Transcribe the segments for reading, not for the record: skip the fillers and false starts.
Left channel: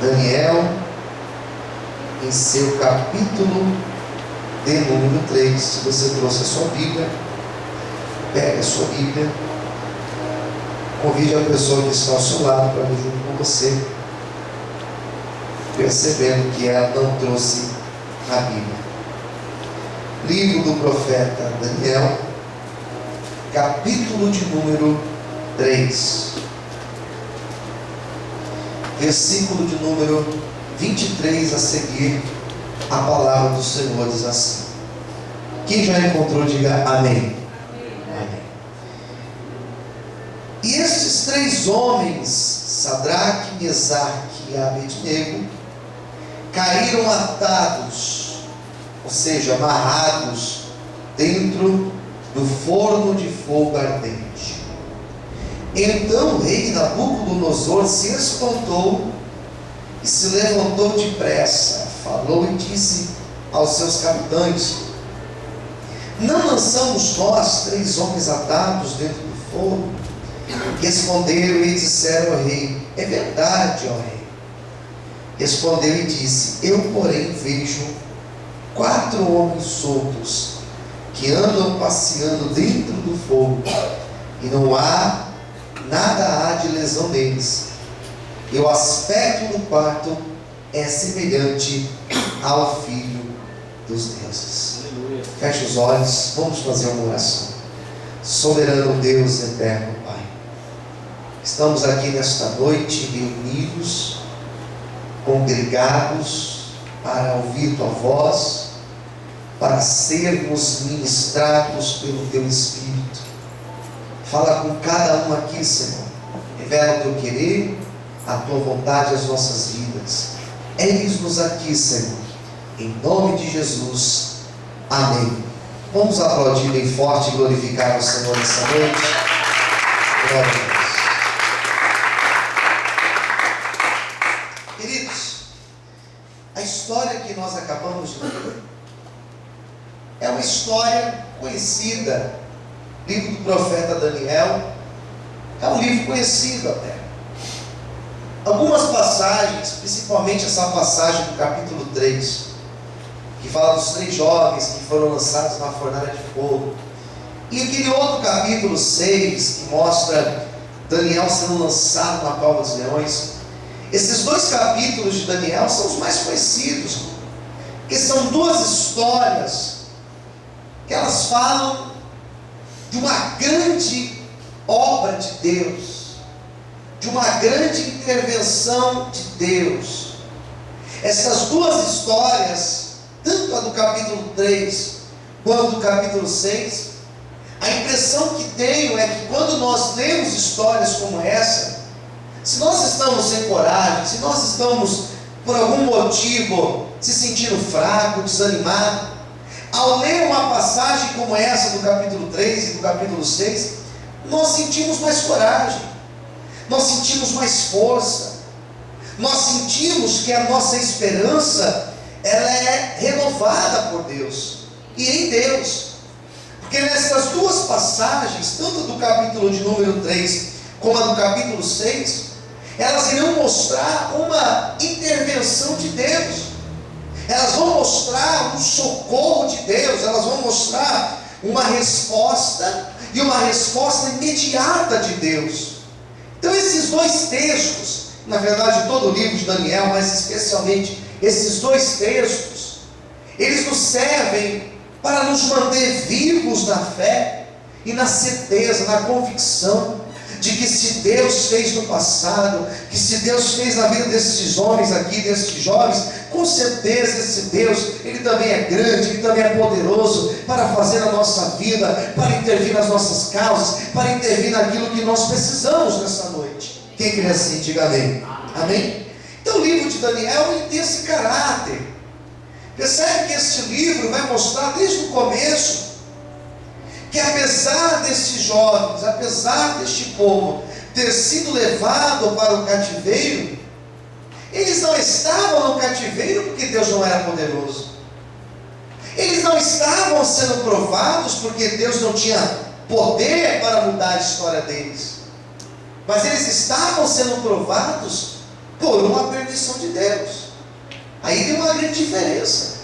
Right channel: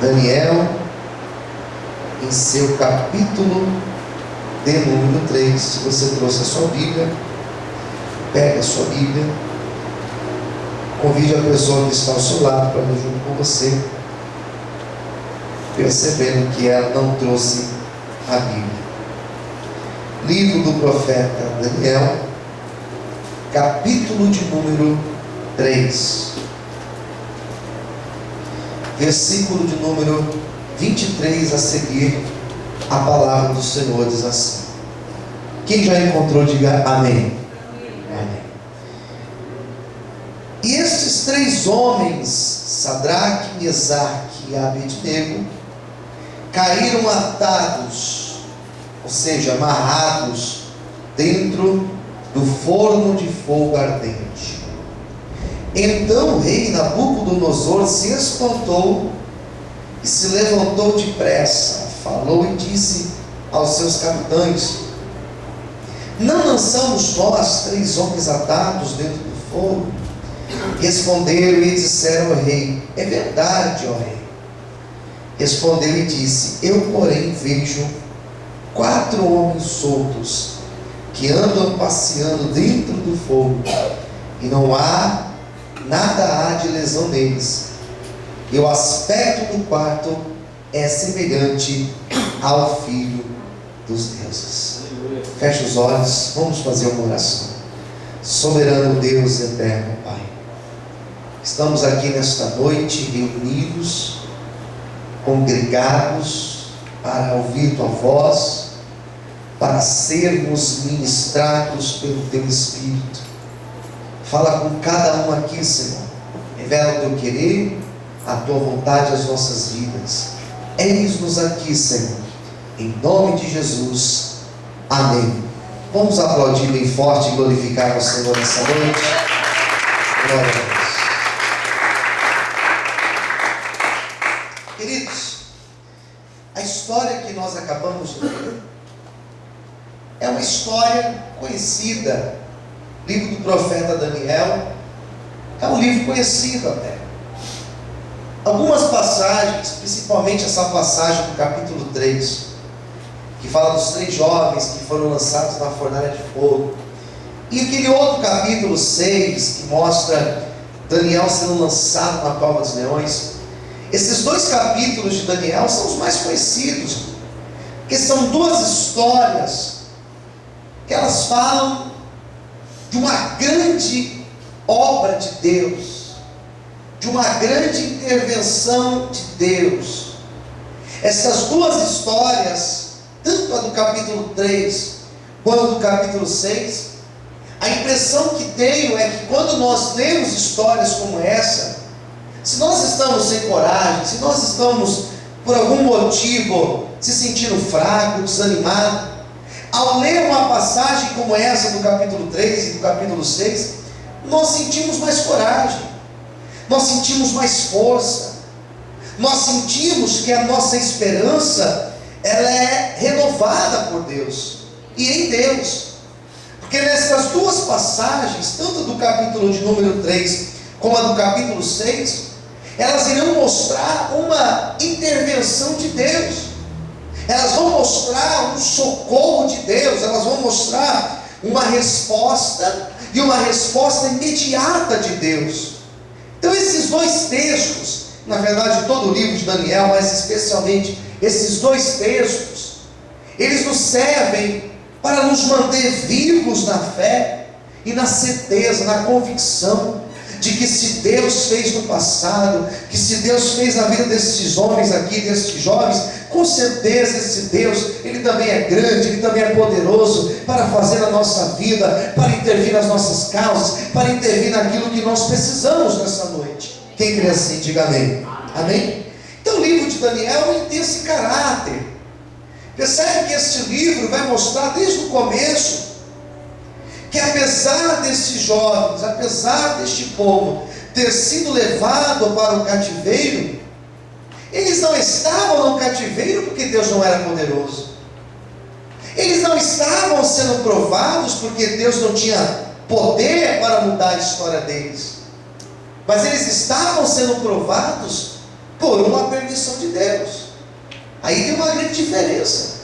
Daniel, em seu capítulo de número 3. Se você trouxe a sua Bíblia, pega a sua Bíblia, convide a pessoa que está ao seu lado para vir junto com você, percebendo que ela não trouxe a Bíblia. Livro do profeta Daniel, capítulo de número 3, versículo de número 23 a seguir. A palavra do Senhor diz assim. Quem já encontrou, diga amém. Amém. E estes 3 homens, Sadraque, Mesaque e Abednego, caíram atados, ou seja, amarrados, dentro do forno de fogo ardente. Então o rei Nabucodonosor se espantou e se levantou depressa, falou e disse aos seus capitães: não lançamos nós 3 homens atados dentro do fogo? Responderam e disseram ao rei: é verdade, ó rei. Respondeu e disse: eu porém vejo 4 homens soltos que andam passeando dentro do fogo, e não há nada de lesão neles, e o aspecto do quarto é semelhante ao Filho dos deuses. Feche os olhos, vamos fazer uma oração. Soberano Deus eterno Pai, estamos aqui nesta noite reunidos, congregados para ouvir Tua voz, para sermos ministrados pelo Teu Espírito. Fala com cada um aqui, Senhor. Revela o Teu querer, a Tua vontade às nossas vidas. Eis-nos aqui, Senhor, em nome de Jesus, amém. Vamos aplaudir bem forte e glorificar o Senhor nessa noite. Glória a Deus. Queridos, a história que nós acabamos de ler é uma história conhecida. O livro do profeta Daniel é um livro conhecido até. Algumas passagens, principalmente essa passagem do capítulo 3, que fala dos 3 jovens que foram lançados na fornalha de fogo, e aquele outro capítulo 6, que mostra Daniel sendo lançado na cova dos leões. Esses 2 capítulos de Daniel são os mais conhecidos, porque são 2 histórias que elas falam de uma grande obra de Deus, de uma grande intervenção de Deus. Essas 2 histórias, tanto a do capítulo 3 quanto do capítulo 6, a impressão que tenho é que quando nós lemos histórias como essa, se nós estamos sem coragem, se nós estamos por algum motivo se sentindo fraco, desanimado, ao ler uma passagem como essa do capítulo 3 e do capítulo 6, nós sentimos mais coragem, nós sentimos mais força, nós sentimos que a nossa esperança ela é renovada por Deus e em Deus, porque nessas 2 passagens, tanto do capítulo de número 3 como a do capítulo 6, elas irão mostrar uma intervenção de Deus. Elas vão mostrar um socorro de Deus, elas vão mostrar uma resposta, e uma resposta imediata de Deus. Então esses 2 textos, na verdade todo o livro de Daniel, mas especialmente esses 2 textos, eles nos servem para nos manter vivos na fé e na certeza, na convicção de que se Deus fez no passado, que se Deus fez na vida desses homens aqui, desses jovens, com certeza esse Deus, Ele também é grande, Ele também é poderoso para fazer na nossa vida, para intervir nas nossas causas, para intervir naquilo que nós precisamos nessa noite. Quem crê assim, diga amém. Amém? Então o livro de Daniel ele tem esse caráter. Percebe que este livro vai mostrar desde o começo que apesar desses jovens, apesar deste povo ter sido levado para o cativeiro, eles não estavam no cativeiro porque Deus não era poderoso. Eles não estavam sendo provados porque Deus não tinha poder para mudar a história deles. Mas eles estavam sendo provados por uma permissão de Deus. Aí tem uma grande diferença.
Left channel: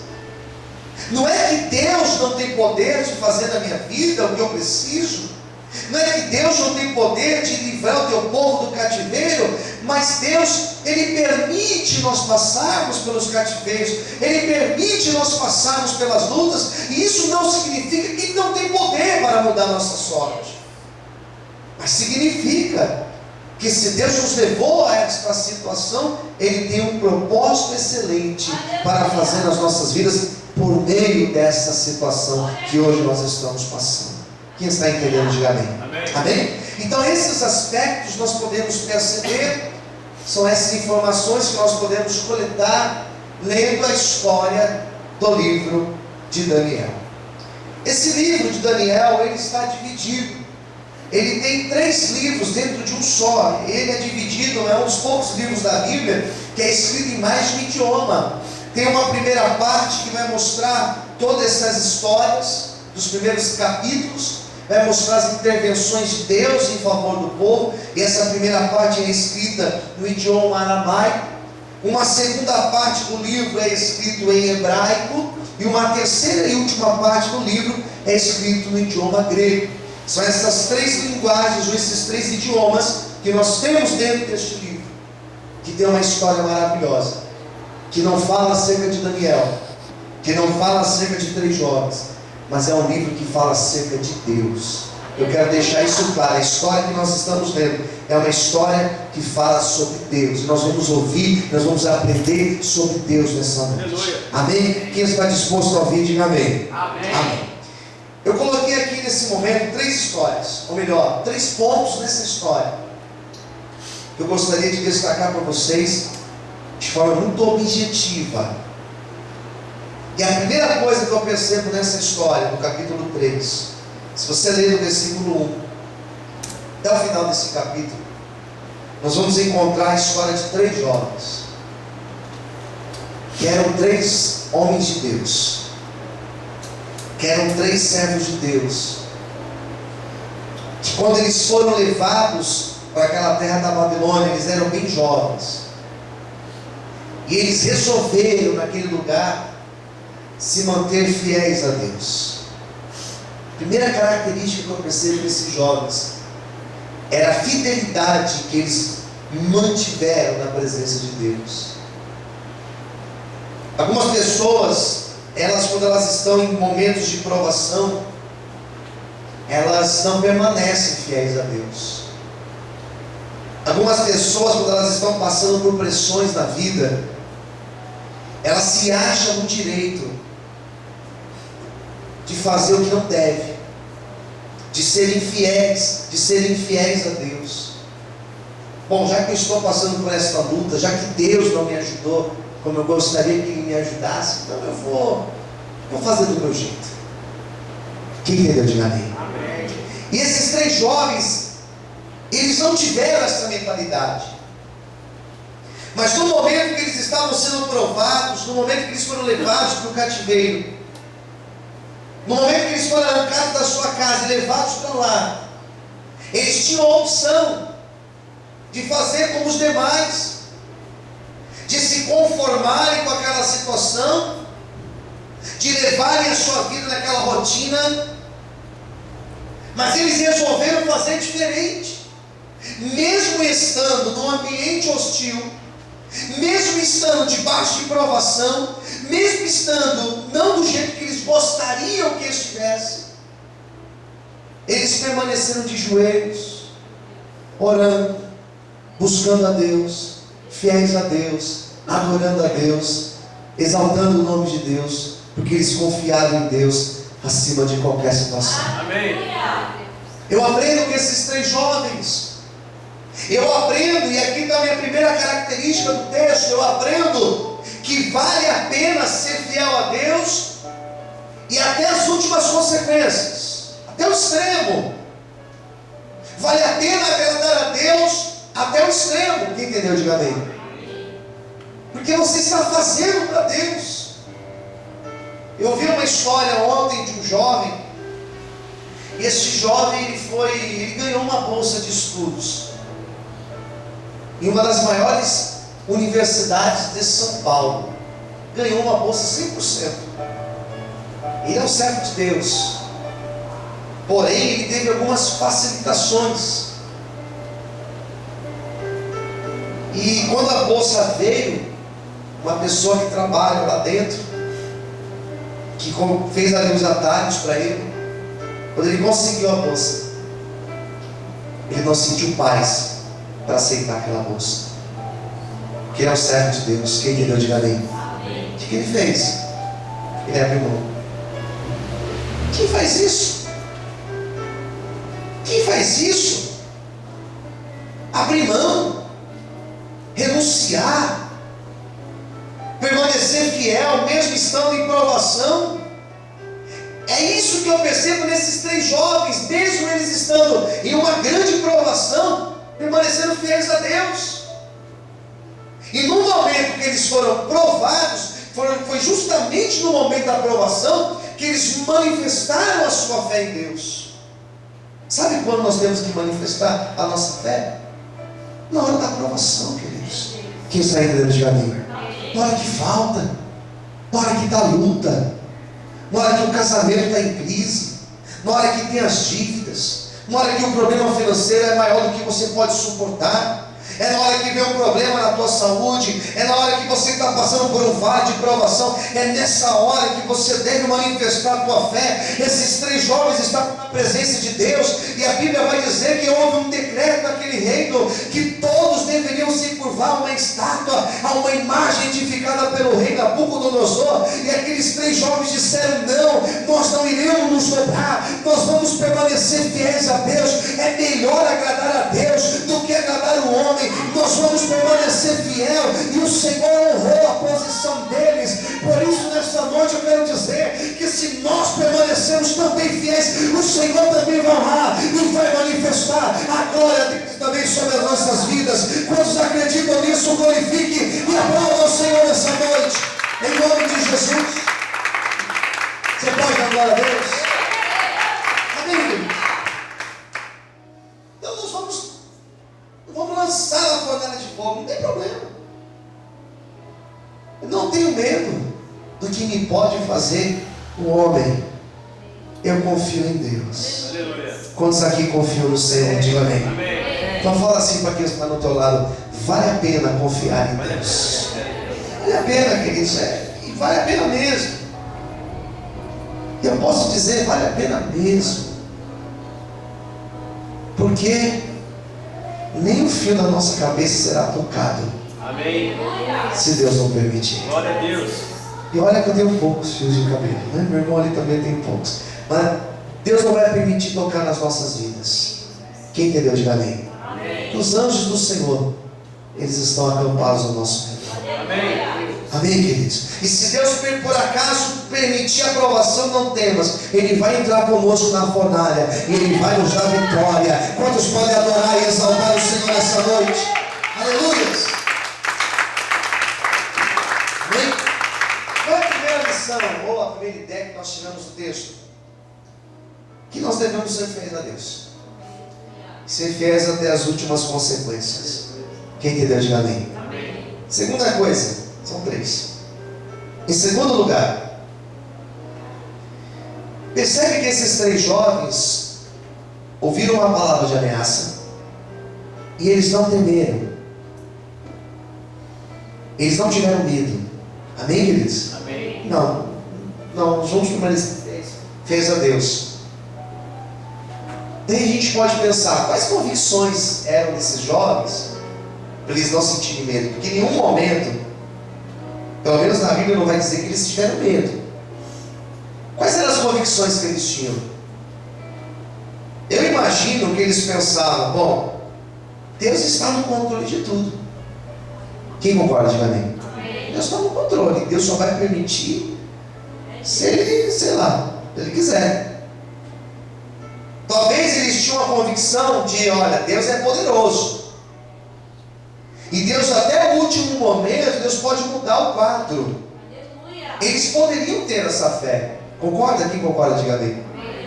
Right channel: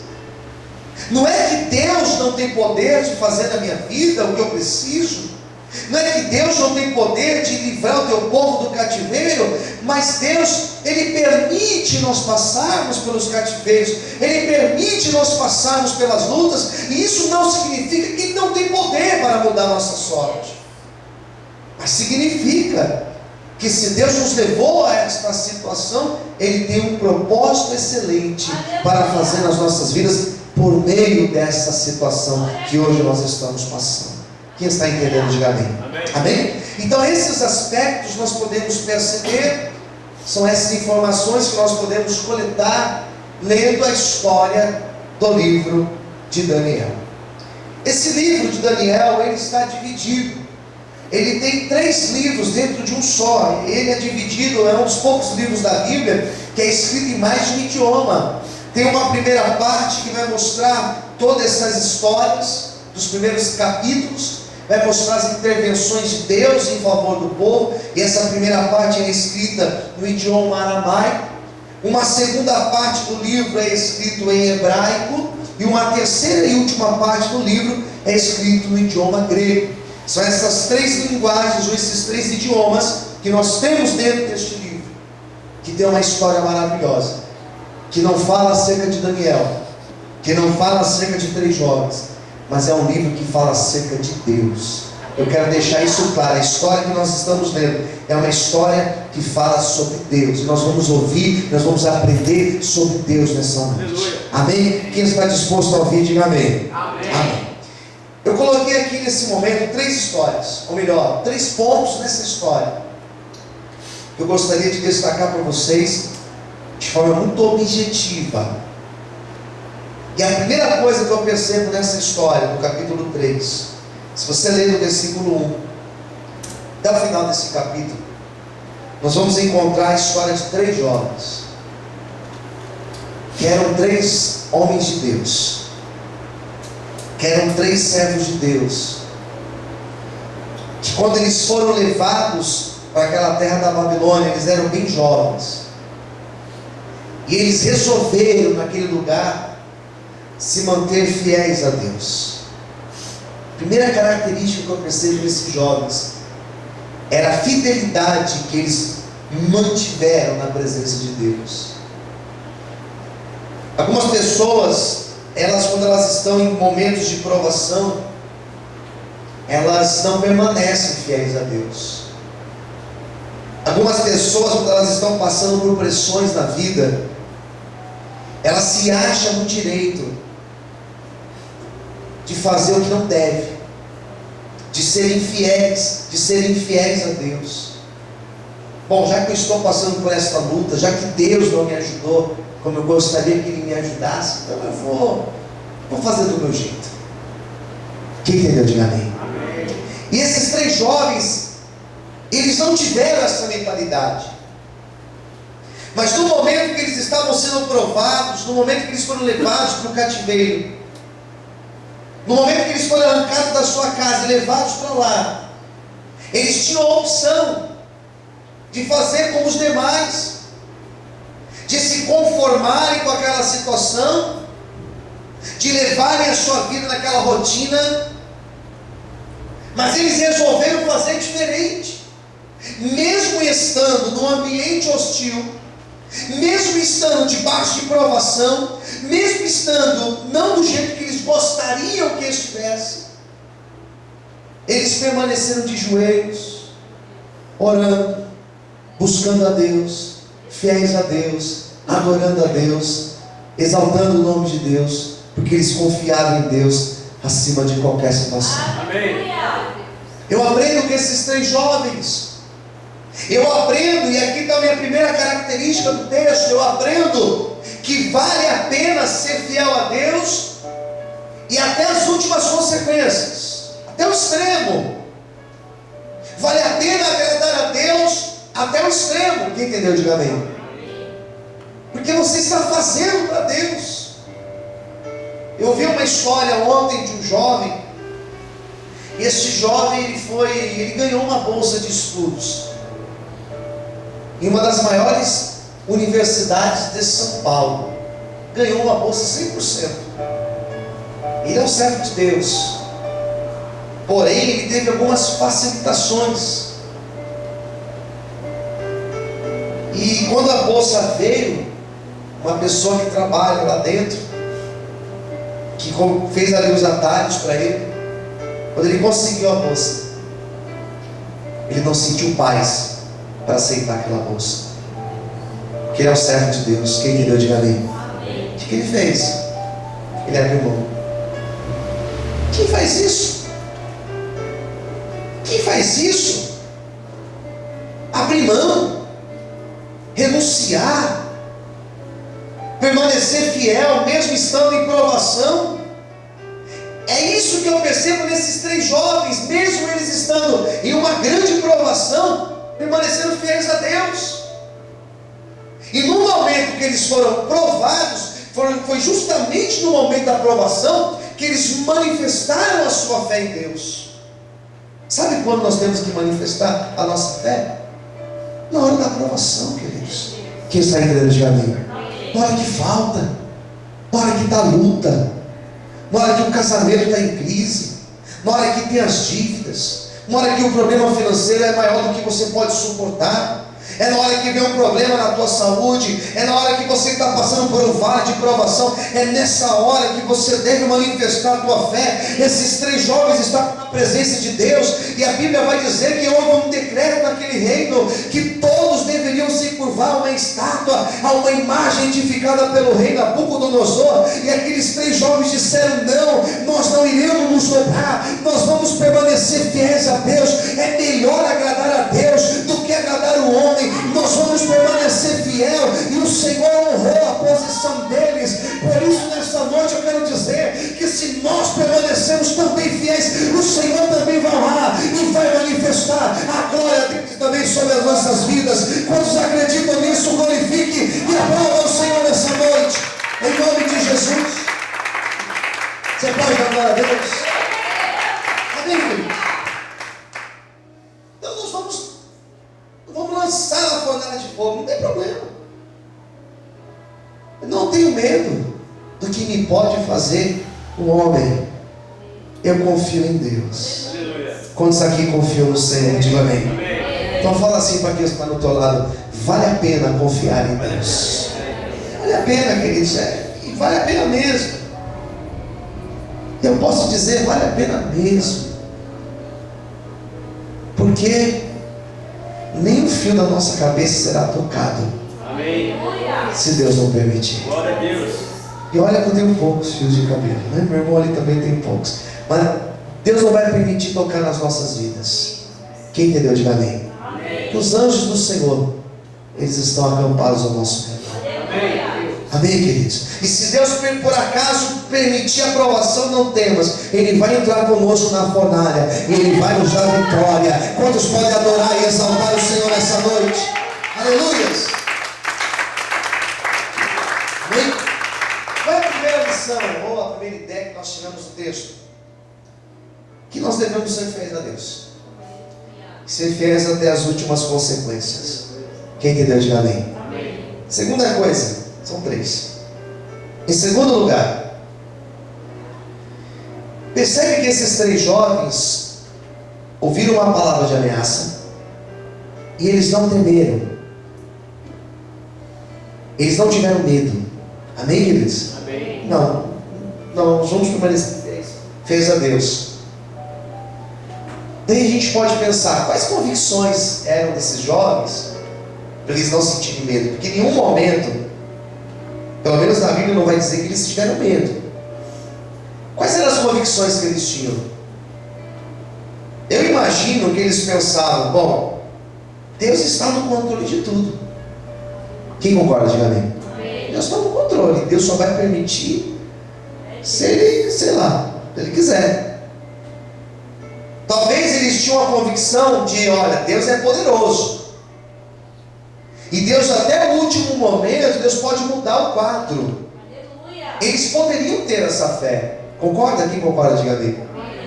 Não é que Deus não tem poder de fazer na minha vida o que eu preciso. Não é que Deus não tem poder de livrar o teu povo do cativeiro, mas Deus, Ele permite nós passarmos pelos cativeiros, Ele permite nós passarmos pelas lutas, e isso não significa que Ele não tem poder para mudar a nossa sorte, mas significa que se Deus nos levou a esta situação, Ele tem um propósito excelente para fazer nas nossas vidas, por meio dessa situação que hoje nós estamos passando. Quem está entendendo, diga amém. Amém? Então esses aspectos nós podemos perceber, são essas informações que nós podemos coletar lendo a história do livro de Daniel. Esse livro de Daniel, ele está dividido. Ele tem 3 livros dentro de um só. Ele é dividido, é um dos poucos livros da Bíblia que é escrito em mais de um idioma. Tem uma primeira parte que vai mostrar todas essas histórias dos primeiros capítulos, vai mostrar as intervenções de Deus em favor do povo, e essa primeira parte é escrita no idioma aramaico. Uma segunda parte do livro é escrito em hebraico, e uma terceira e última parte do livro é escrito no idioma grego. São essas 3 linguagens, ou esses 3 idiomas que nós temos dentro deste livro, que tem uma história maravilhosa, que não fala acerca de Daniel, que não fala acerca de 3 jovens, mas é um livro que fala acerca de Deus. Eu quero deixar isso claro. A história que nós estamos lendo é uma história que fala sobre Deus. Nós vamos ouvir, nós vamos aprender sobre Deus nessa noite. Amém? Quem está disposto a ouvir, diga amém. Amém. Amém. Eu coloquei aqui nesse momento 3 histórias, ou melhor, 3 pontos nessa história, que eu gostaria de destacar para vocês de forma muito objetiva. E a primeira coisa que eu percebo nessa história, no capítulo 3, se você ler no versículo 1 até o final desse capítulo, nós vamos encontrar a história de 3 jovens, que eram 3 homens de Deus, que eram 3 servos de Deus, que quando eles foram levados para aquela terra da Babilônia, eles eram bem jovens, e eles resolveram naquele lugar se manter fiéis a Deus. A primeira característica que eu percebo nesses jovens era a fidelidade que eles mantiveram na presença de Deus. Algumas pessoas, quando elas estão em momentos de provação, elas não permanecem fiéis a Deus. Algumas pessoas, quando elas estão passando por pressões na vida, elas se acham no direito de fazer o que não deve, de serem infiéis a Deus. Bom, já que eu estou passando por esta luta, já que Deus não me ajudou como eu gostaria que Ele me ajudasse, então eu vou fazer do meu jeito. Quem entendeu, diga amém. Amém. E esses 3 jovens, eles não tiveram essa mentalidade. Mas no momento que eles estavam sendo provados, no momento que eles foram levados para o cativeiro, no momento que eles foram arrancados da sua casa e levados para lá, eles tinham a opção de fazer como os demais, de se conformarem com aquela situação, de levarem a sua vida naquela rotina, mas eles resolveram fazer diferente. Mesmo estando num ambiente hostil, mesmo estando debaixo de provação, mesmo estando não do jeito que eles gostariam que estivesse, eles permaneceram de joelhos, orando, buscando a Deus, fiéis a Deus, adorando a Deus, exaltando o nome de Deus, porque eles confiavam em Deus acima de qualquer situação. Amém. Eu aprendo com esses 3 jovens. Eu aprendo, e aqui está a minha primeira característica do texto, eu aprendo que vale a pena ser fiel a Deus e até as últimas consequências, até o extremo. Vale a pena agradar a Deus até o extremo. Quem entendeu, diga amém. Porque você está fazendo para Deus. Eu ouvi uma história ontem de um jovem, e esse jovem ele ganhou uma bolsa de estudos em uma das maiores universidades de São Paulo. Ganhou uma bolsa 100%. Ele é um servo de Deus. Porém, ele teve algumas facilitações. E quando a bolsa veio, uma pessoa que trabalha lá dentro, que fez ali os atalhos para ele, quando ele conseguiu a bolsa, ele não sentiu paz para aceitar aquela bolsa. Porque ele é um servo de Deus. Quem entendeu, diga amém. O que ele fez? Ele abriu mão. Quem faz isso? Quem faz isso? Abrir mão, renunciar, permanecer fiel, mesmo estando em provação. É isso que eu percebo nesses 3 jovens, mesmo eles estando em uma grande provação, permanecendo fiéis a Deus. E no momento que eles foram provados, foi justamente no momento da provação que eles manifestaram a sua fé em Deus. Sabe quando nós temos que manifestar a nossa fé? Na hora da provação, queridos. Quem está entendendo, diga amém. Na hora que falta, na hora que está luta, na hora que o casamento está em crise, na hora que tem as dívidas, na hora que o problema financeiro é maior do que você pode suportar, é na hora que vem um problema na tua saúde, é na hora que você está passando por um vale de provação, é nessa hora que você deve manifestar a tua fé. Esses 3 jovens estavam na presença de Deus, e a Bíblia vai dizer que houve um decreto naquele reino, que todos deveriam se curvar a uma estátua, a uma imagem edificada pelo rei Nabucodonosor, e aqueles 3 jovens disseram: não, nós não iremos nos dobrar, nós vamos permanecer fiéis a Deus. É melhor agradar a Deus do que agradar o homem. Nós vamos permanecer fiel, e o Senhor honrou a posição deles. Por isso, nesta noite eu quero dizer que se nós permanecermos também fiéis, o Senhor também vai honrar e vai manifestar a glória dele também sobre as nossas vidas. Quantos acreditam nisso, glorifique e aplauda o Senhor nessa noite, em nome de Jesus. Você pode dar glória a Deus? Amém, queridos? Então nós vamos lançar a fornalha de fogo, não tem problema. Eu não tenho medo do que me pode fazer o homem. Eu confio em Deus. Aleluia. Quantos aqui confiam no Senhor? Diga amém. Amém. Então fala assim para quem está no teu lado: vale a pena confiar em Deus. Vale a pena, queridos, e vale a pena mesmo. Eu posso dizer, vale a pena mesmo. Porque nem o fio da nossa cabeça será tocado. Amém. Se Deus não permitir. Glória a Deus. E olha que eu tenho poucos fios de cabelo, né? Meu irmão ali também tem poucos. Mas Deus não vai permitir tocar nas nossas vidas. Quem entendeu, diga amém. Amém. Que os anjos do Senhor, eles estão acampados ao nosso redor. Amém. Amém, queridos? E se Deus por acaso permitir a provação, não temas. Ele vai entrar conosco na fornalha e Ele vai nos dar vitória. Quantos podem adorar e exaltar o Senhor nessa noite? Aleluia! Amém? Qual é a primeira lição, ou a primeira ideia que nós tiramos do texto? Que nós devemos ser fiéis a Deus. Ser fiéis até as últimas consequências. Quem entendeu, diga amém. Amém. Segunda coisa, são 3. Em segundo lugar, percebe que esses 3 jovens ouviram uma palavra de ameaça e eles não temeram. Eles não tiveram medo. Amém, queridos? Amém. Não, nós vamos permanecer fiéis a Deus. Daí a gente pode pensar, quais convicções eram desses jovens para eles não sentirem medo? Porque em nenhum momento, pelo menos na Bíblia, não vai dizer que eles tiveram medo. Quais eram as convicções que eles tinham? Eu imagino que eles pensavam: bom, Deus está no controle de tudo. Quem concorda, diga amém. Deus está no controle. Deus só vai permitir se Ele, sei lá, se Ele quiser. Talvez eles tinham a convicção de: olha, Deus é poderoso. E Deus, até o último momento, Deus pode mudar o quadro. Eles poderiam ter essa fé. Concorda? Quem concorda, diga amém.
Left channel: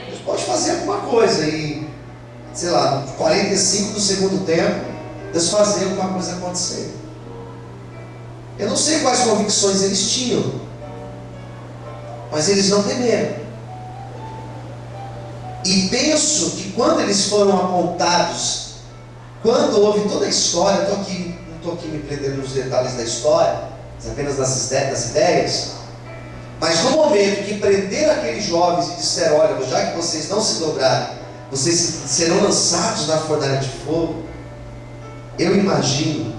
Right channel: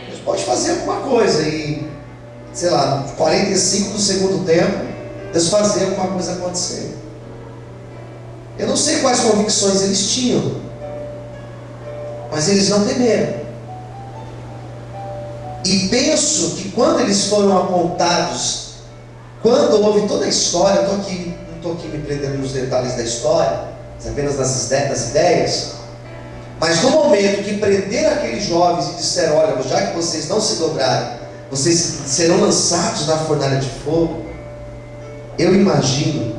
Deus pode fazer alguma coisa e, sei lá, 45 do segundo tempo, Deus fazer alguma coisa acontecer. Eu não sei quais convicções eles tinham, mas eles não temeram. E penso que quando eles foram apontados, quando houve toda a história, não estou aqui me prendendo nos detalhes da história, mas apenas nas ideias, mas no momento que prenderam aqueles jovens e disseram: olha, já que vocês não se dobrarem, vocês serão lançados na fornalha de fogo, eu imagino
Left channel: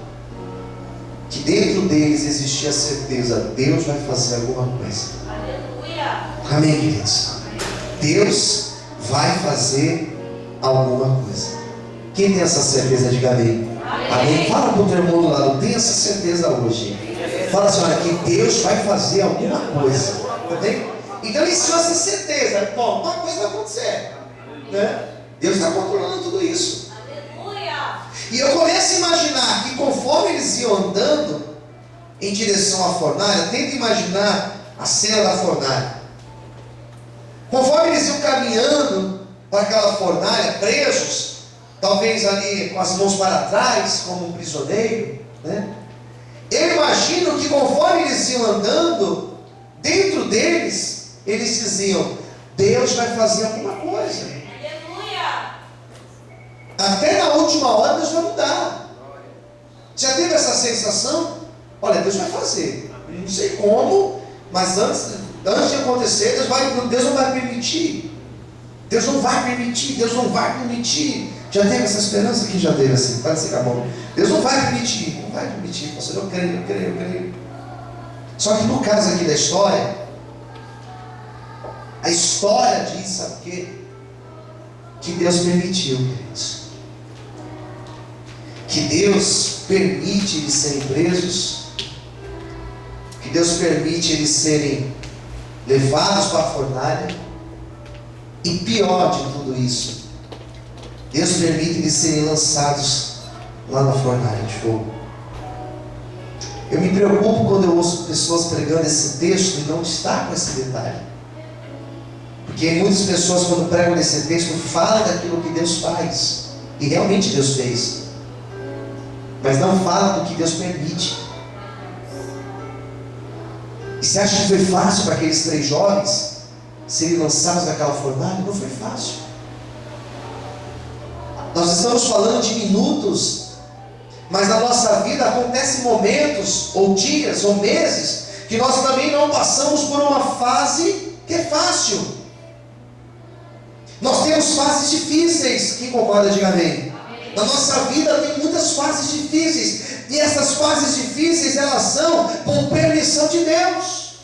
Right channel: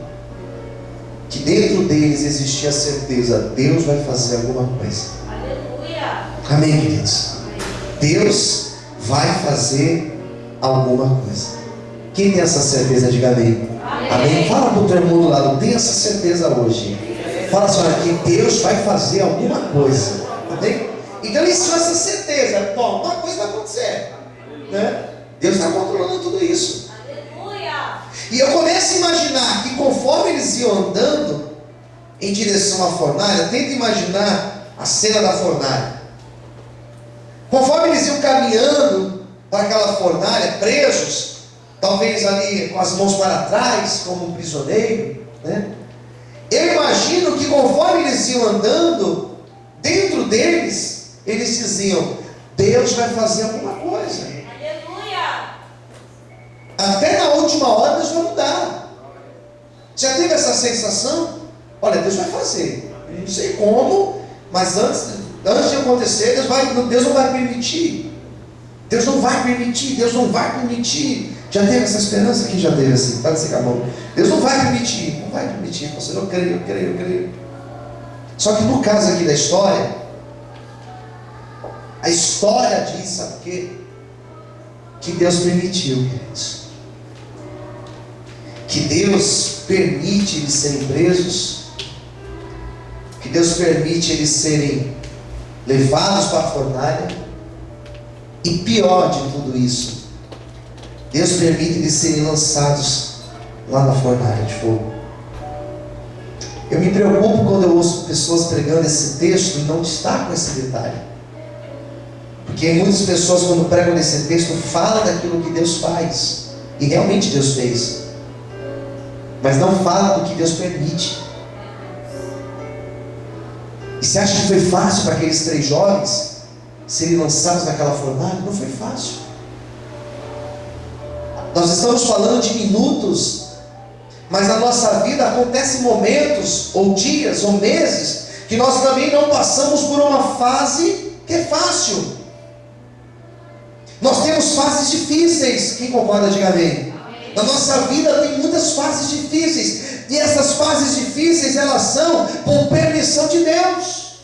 que dentro deles existia a certeza: Deus vai fazer alguma coisa. Aleluia. Amém, queridos? Deus vai fazer alguma coisa. Quem tem essa certeza, diga amém. Amém. Fala para o teu irmão do lado: tem essa certeza hoje. Fala assim: olha, que Deus vai fazer alguma coisa. Amém? Então eles tinham essa certeza. Bom, uma coisa vai acontecer, né? Deus está controlando tudo isso. Aleluia. E eu começo a imaginar que conforme eles iam andando em direção à fornalha, tenta imaginar a cena da fornalha. Conforme eles iam caminhando para aquela fornalha, presos, talvez ali com as mãos para trás, como um prisioneiro, né? Eu imagino que conforme eles iam andando, dentro deles, eles diziam: Deus vai fazer alguma coisa. Aleluia. Até na última hora Deus vai mudar. Já teve essa sensação? Olha, Deus vai fazer. Não sei como, mas antes de acontecer, Deus não vai permitir. Deus não vai permitir. Deus não vai permitir. Já teve essa esperança? Quem já teve assim? Pode ser com a mão. Deus não vai permitir. Não vai permitir. Pastor, eu creio. Só que no caso aqui da história, a história diz, sabe o quê? Que Deus permitiu, queridos. Que Deus permite eles serem presos. Que Deus permite eles serem levados para a fornalha. E pior de tudo isso, Deus permite eles serem lançados lá na fornalha de fogo. Eu me preocupo quando eu ouço pessoas pregando esse texto e não destacam esse detalhe. Porque muitas pessoas, quando pregam nesse texto, falam daquilo que Deus faz. E realmente Deus fez. Mas não falam do que Deus permite. E você acha que foi fácil para aqueles 3 jovens serem lançados naquela fornalha? Não foi fácil. Nós estamos falando de minutos, mas na nossa vida acontecem momentos, ou dias, ou meses, que nós também não passamos por uma fase que é fácil. Nós temos fases difíceis. Quem concorda, diga amém. Na nossa vida tem muitas fases difíceis. E essas fases difíceis, elas são por permissão de Deus.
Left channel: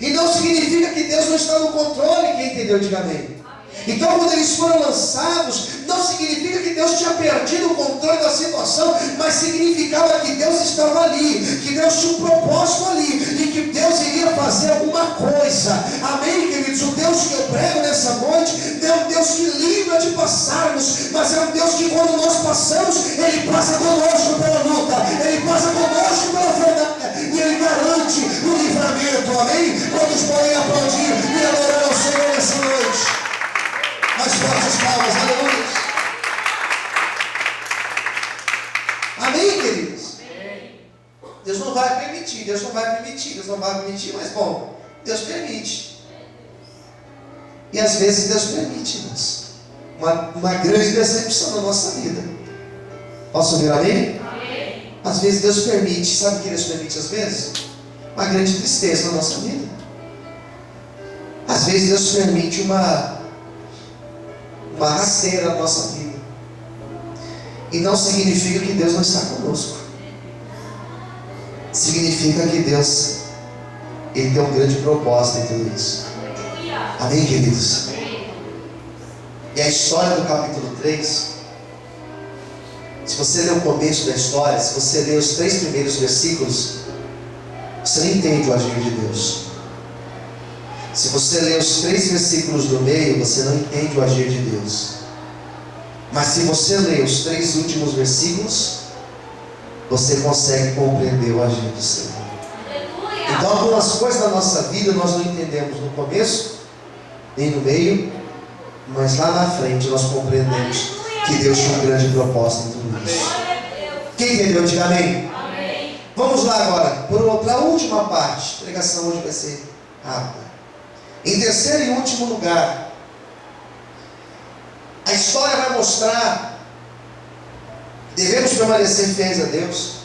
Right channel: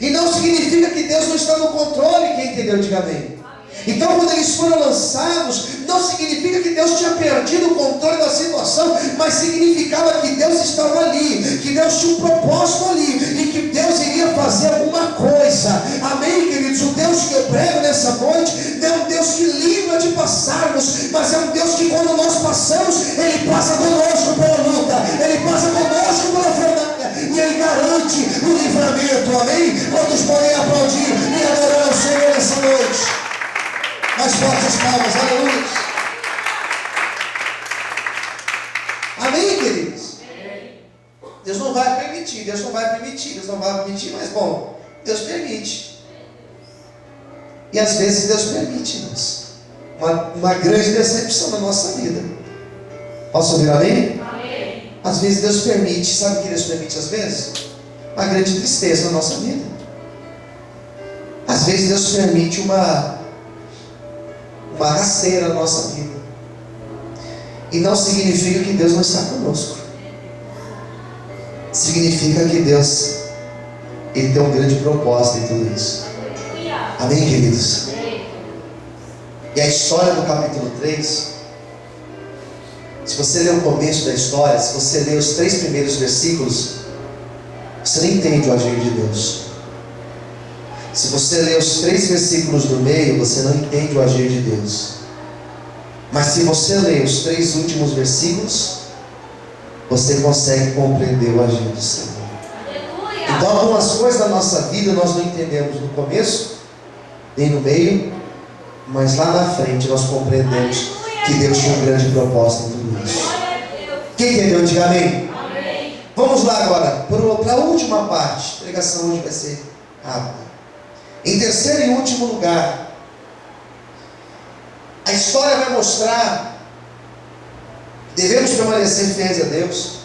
E não significa que Deus não está no controle. Quem entendeu, diga amém. Então quando eles foram lançados, não significa que Deus tinha perdido o controle da situação, mas significava que Deus estava ali, que Deus tinha um propósito ali, e que Deus iria fazer alguma coisa. Amém, queridos? O Deus que eu prego nessa noite não é um Deus que livra de passarmos, mas é um Deus que quando nós passamos, Ele passa conosco pela luta, Ele passa conosco pela fornalha, e Ele garante o livramento. Amém? Quantos podem aplaudir e adorar ao Senhor nessa noite? Mais fortes palmas, aleluia. Amém, queridos? Deus não vai permitir, mas bom, Deus permite. E às vezes Deus permite, irmãos, uma grande decepção na nossa vida. Posso ouvir amém? Amém. Às vezes Deus permite, sabe o que Deus permite às vezes? Uma grande tristeza na nossa vida. Às vezes Deus permite uma rasteira na nossa vida. E não significa que Deus não está conosco. Significa que Deus, Ele tem um grande propósito em tudo isso. Amém, queridos? E a história do capítulo 3, se você ler o começo da história, se você ler os 3 primeiros versículos, você não entende o agir de Deus. Se você ler os 3 versículos do meio, você não entende o agir de Deus. Mas se você ler os 3 últimos versículos, você consegue compreender o agir do Senhor. Aleluia. Então algumas coisas da nossa vida nós não entendemos no começo, nem no meio, mas lá na frente nós compreendemos que Deus tem um grande propósito em tudo isso. Quem entendeu? Diga amém. Amém. Vamos lá agora, para a última parte. A pregação hoje vai ser rápida. Em terceiro e último lugar, a história vai mostrar que devemos permanecer fiéis a Deus,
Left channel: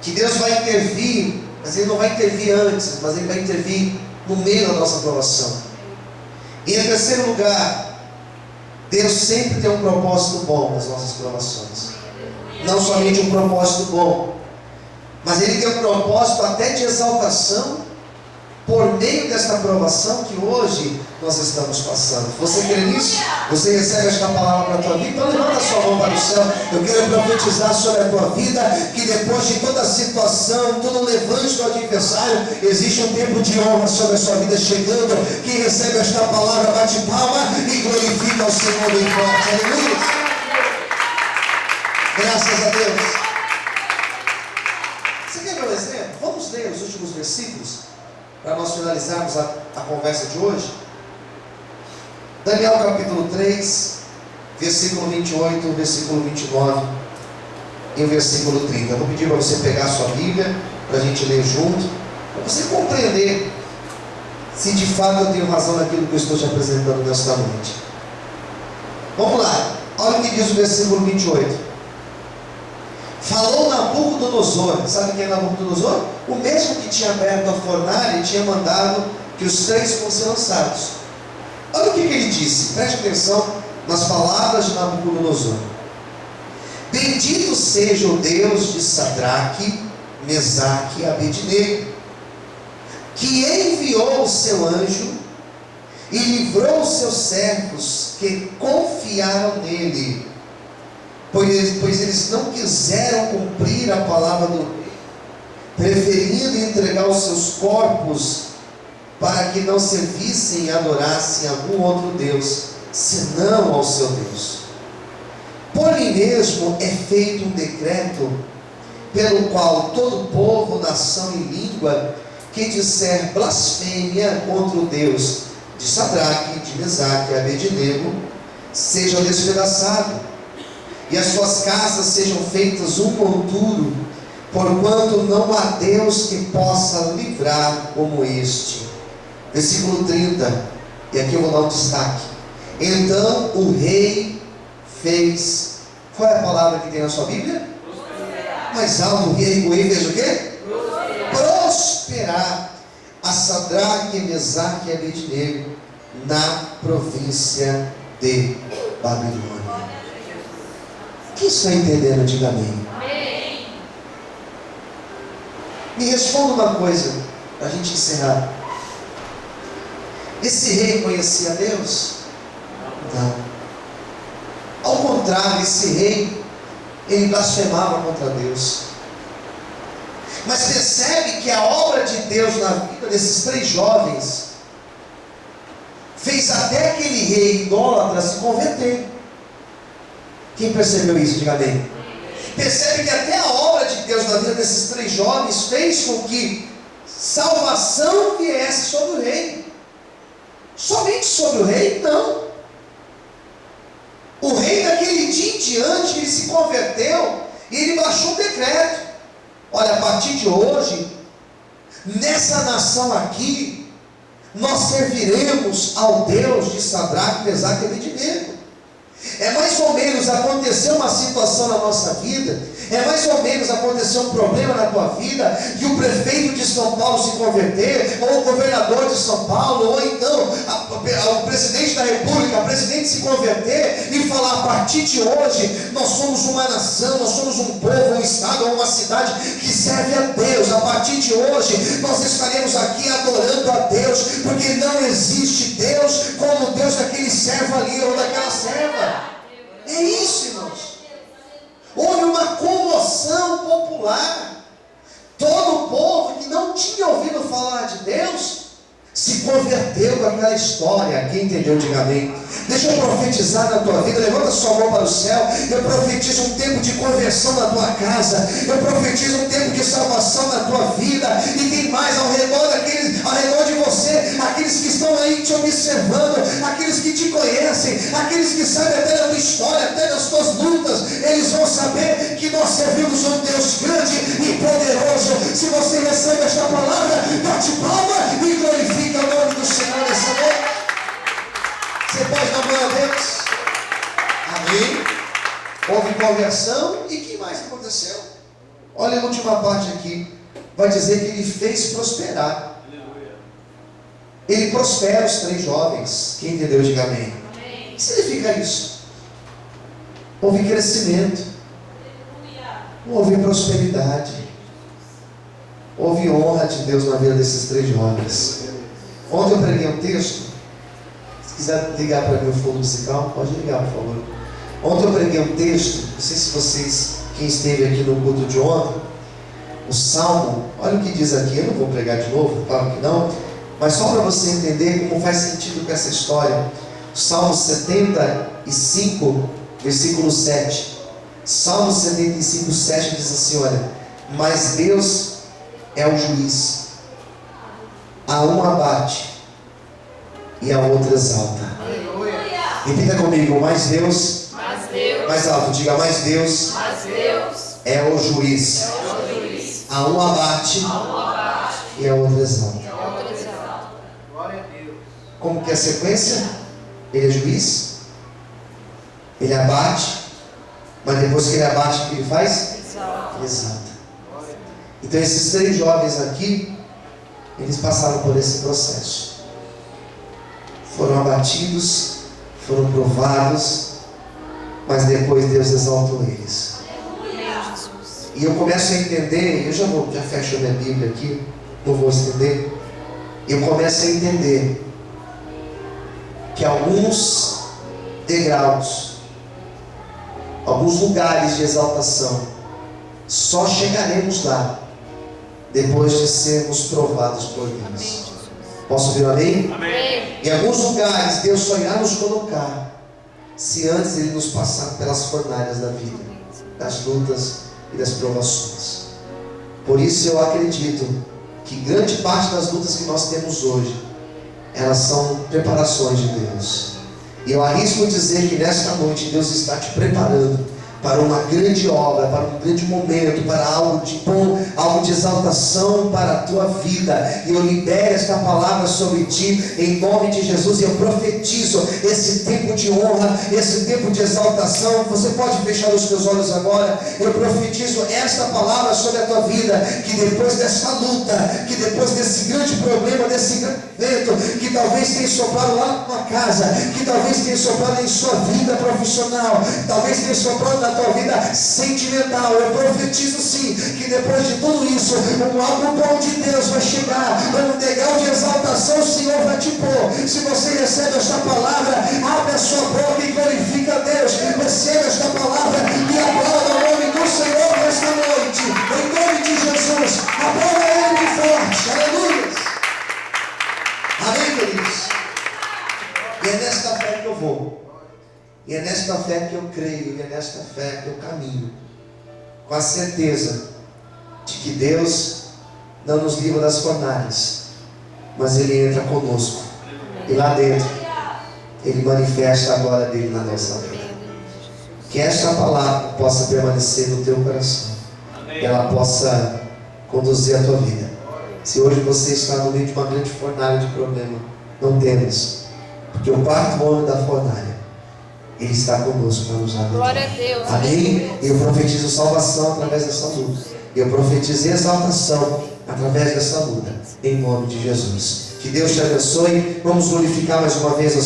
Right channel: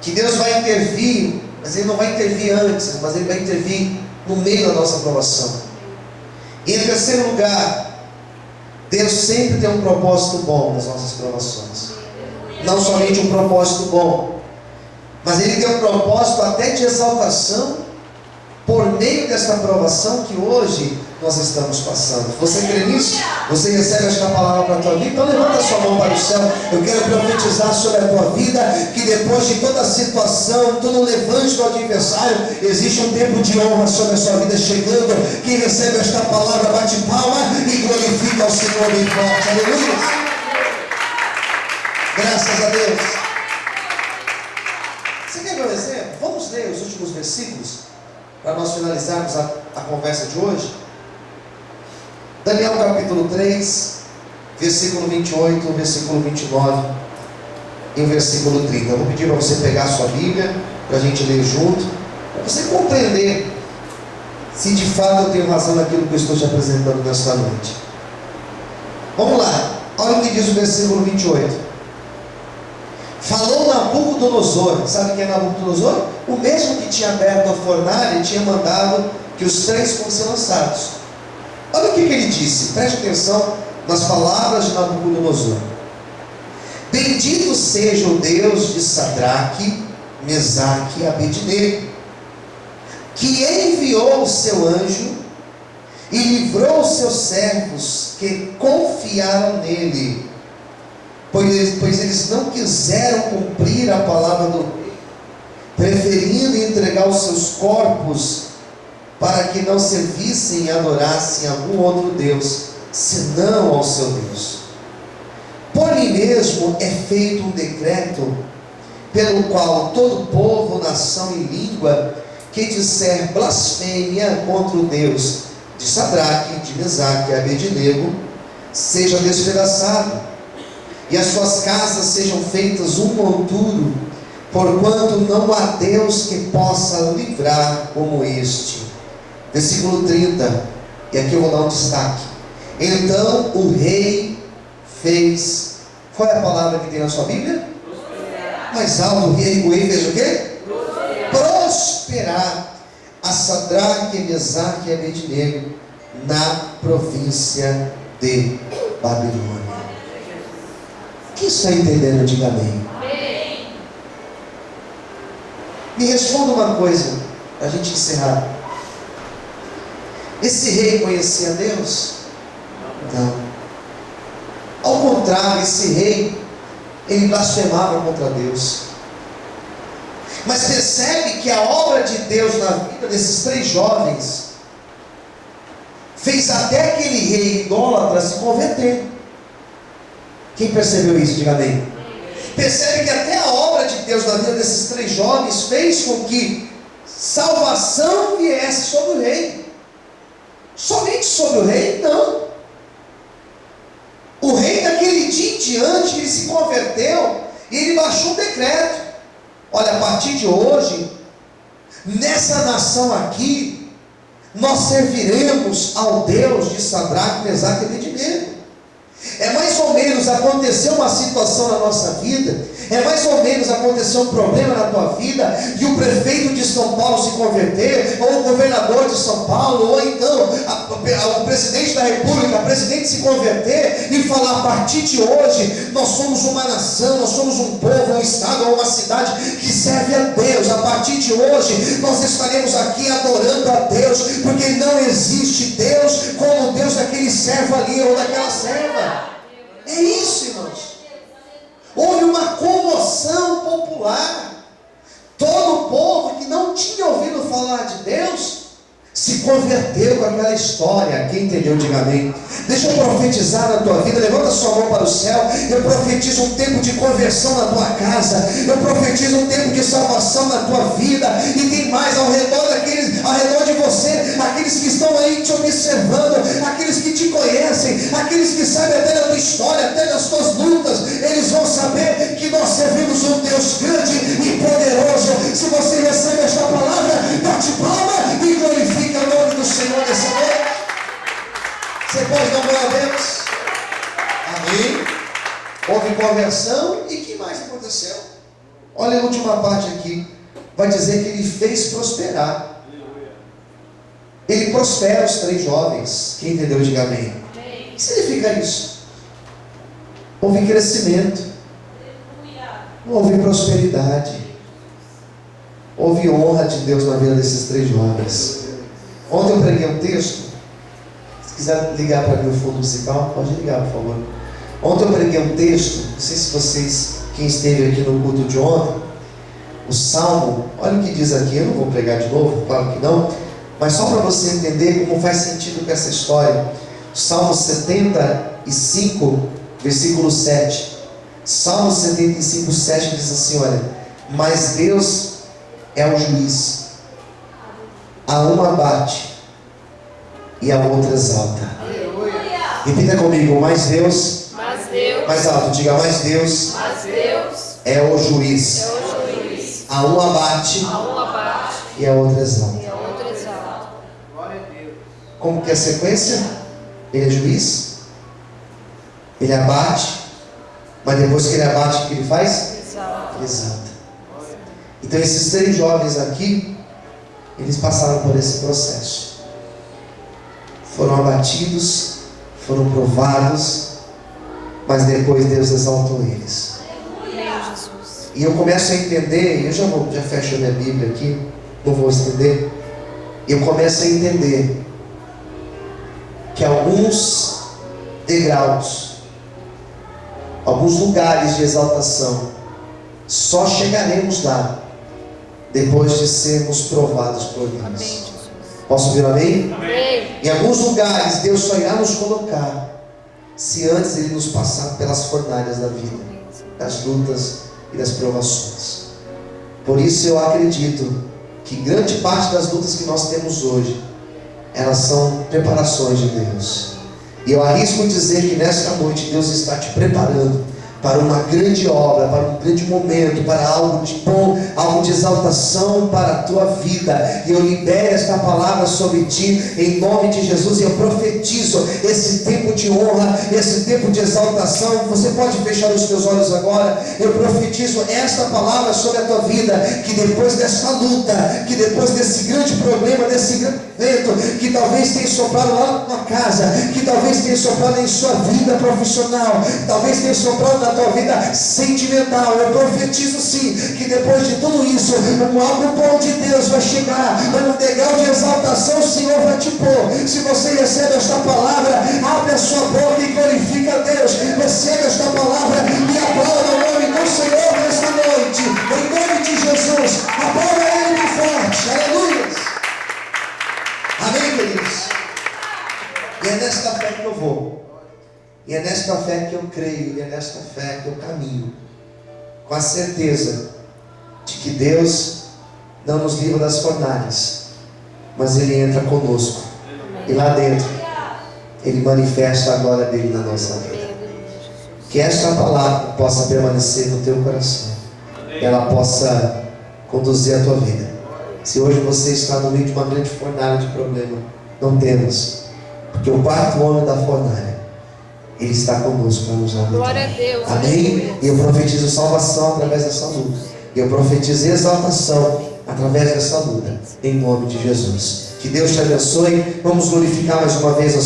que Deus vai intervir, mas Ele não vai intervir antes, mas Ele vai intervir no meio da nossa aprovação. E em terceiro lugar, Deus sempre tem um propósito bom nas nossas provações. Não somente um propósito bom, mas Ele tem um propósito até de exaltação por meio desta aprovação que hoje nós estamos passando. Você crê nisso? Você recebe esta palavra para a tua vida? Então levanta a sua mão para o céu. Eu quero profetizar sobre a tua vida que depois de toda a situação, todo o levante do adversário, existe um tempo de honra sobre a sua vida chegando. Quem recebe esta palavra bate palma e glorifica ao Senhor bem forte. Aleluia! Graças a Deus. Você quer ver um exemplo? Vamos ler os últimos versículos para nós finalizarmos a conversa de hoje. Daniel capítulo 3, versículo 28, versículo 29 e o versículo 30. Eu vou pedir para você pegar a sua Bíblia, para a gente ler junto, para você compreender se de fato eu tenho razão naquilo que eu estou te apresentando nesta noite. Vamos lá, olha o que diz o versículo 28. Falou Nabucodonosor. Sabe quem é Nabucodonosor? O mesmo que tinha aberto a fornalha e tinha mandado que os três fossem lançados. Olha o que ele disse, preste atenção nas palavras de Nabucodonosor. Bendito seja o Deus de Sadraque, Mesaque e Abednego, que enviou o seu anjo e livrou os seus servos que confiaram nele, pois eles não quiseram cumprir a palavra do rei, preferindo entregar os seus corpos para que não servissem e adorassem algum outro Deus, senão ao seu Deus. Por mim mesmo é feito um decreto, pelo qual todo povo, nação e língua, que disser blasfêmia contra o Deus de Sadraque, de Mesaque e Abednego, seja despedaçado, e as suas casas sejam feitas um monturo, porquanto não há Deus que possa livrar como este. Versículo 30, e aqui eu vou dar um destaque. Então o rei fez, qual é a palavra que tem na sua Bíblia? Prosperar. Mais alto, o rei fez o quê? Prosperar a Sadraque, Mesaque e Abednego na província de Babilônia. Quem está entendendo? Diga amém. Amém. Me responda uma coisa, para a gente encerrar. Esse rei conhecia Deus? Não. Ao contrário, esse rei, ele blasfemava contra Deus. Mas percebe que a obra de Deus na vida desses três jovens fez até aquele rei idólatra se converter. Quem percebeu isso? Diga amém. Percebe que até a obra de Deus na vida desses três jovens fez com que salvação viesse sobre o rei. Somente sobre o rei? Não. O rei daquele dia em diante, ele se converteu e ele baixou um decreto. Olha, a partir de hoje, nessa nação aqui, nós serviremos ao Deus de Sadraque, Mesaque e Abednego. É mais ou menos aconteceu uma situação na nossa vida, é mais ou menos aconteceu um problema na tua vida, e o prefeito de São Paulo se converter, ou o governador de São Paulo, ou então o presidente da república, o presidente se converter e falar: a partir de hoje nós somos uma nação, nós somos um povo, um estado ou uma cidade que serve a Deus. A partir de hoje nós estaremos aqui adorando a Deus, porque não existe Deus como o Deus daquele servo ali ou daquela serva. É isso, irmãos. Houve uma comoção popular. Todo o povo que não tinha ouvido falar de Deus se converteu com aquela história. Quem entendeu, diga amém. Deixa eu profetizar na tua vida. Levanta sua mão para o céu. Eu profetizo um tempo de conversão na tua casa. Eu profetizo um tempo de salvação na tua vida. E tem mais ao redor de você, aqueles que estão aí te observando, aqueles que te conhecem, aqueles que sabem até da tua história, até das tuas lutas. Eles vão saber que nós servimos um Deus grande e poderoso, Se você recebe esta palavra, bate palma e glorifica o nome do Senhor nessa noite. Você pode dar glória a Deus? Amém? Houve conversão e o que mais aconteceu? Olha a última parte aqui. Vai dizer que ele fez prosperar. Ele prospera os 3 jovens. Quem entendeu, diga amém. O que significa isso? Houve crescimento. Houve prosperidade. Houve honra de Deus na vida desses 3 jovens. Ontem eu preguei um texto. Se quiser ligar para mim o fundo musical, pode ligar, por favor. Ontem eu preguei um texto. Não sei se vocês, quem esteve aqui no culto de ontem, o Salmo, olha o que diz aqui. Eu não vou pregar de novo, claro que não, mas só para você entender como faz sentido com essa história. O Salmo 75, versículo 7. Salmo 75, 7 diz assim, olha: mas Deus é o juiz, a um abate e a outro exalta. Repita comigo: mas Deus, mais alto, diga: mas Deus é o juiz, a um abate e a outro exalta. Como que é a sequência? Ele é juiz, ele abate, mas depois que ele abate, o que ele faz? Exalta. Então esses 3 jovens aqui, eles passaram por esse processo. Foram abatidos, foram provados, mas depois Deus exaltou eles. E eu começo a entender, eu já fecho a minha Bíblia aqui, não vou estender. Eu começo a entender que alguns degraus, alguns lugares de exaltação, só chegaremos lá depois de sermos provados por Deus. Posso ouvir um amém? Amém. Em alguns lugares Deus só irá nos colocar se antes Ele nos passar pelas fornalhas da vida, das lutas e das provações. Por isso eu acredito que grande parte das lutas que nós temos hoje, elas são preparações de Deus. E eu arrisco dizer que nesta noite Deus está te preparando para uma grande obra, para um grande momento, para algo de bom, algo de exaltação para a tua vida. E eu libero esta palavra sobre ti, em nome de Jesus, e eu profetizo esse tempo de honra, esse tempo de exaltação. Você pode fechar os teus olhos agora. Eu profetizo esta palavra sobre a tua vida, que depois dessa luta, que depois desse grande problema, desse grande evento, que talvez tenha soprado lá na tua casa, que talvez tenha soprado em sua vida profissional, talvez tenha soprado na tua vida sentimental, eu profetizo sim, que depois de tudo isso, algo bom de Deus vai chegar, um degrau de exaltação o Senhor vai te pôr. Se você recebe esta palavra, abre a sua boca e glorifica a Deus. Recebe esta palavra e aplauda o nome do Senhor nesta noite, em nome de Jesus. Aplauda Ele bem forte, aleluia. Amém, queridos? E é nesta fé que eu vou. E é nesta fé que eu creio, e é nesta fé que eu caminho, com a certeza de que Deus não nos livra das fornalhas, mas Ele entra conosco, e lá dentro Ele manifesta a glória dEle na nossa vida. Que esta palavra possa permanecer no teu coração, que ela possa conduzir a tua vida. Se hoje você está no meio de uma grande fornalha de problema, não temas, porque o 4º homem da fornalha, Ele está conosco para nos ajudar. Glória a Deus. Amém? E eu profetizo salvação através dessa luta. E eu profetizo exaltação através dessa luta. Em nome de Jesus. Que Deus te abençoe. Vamos glorificar mais uma vez a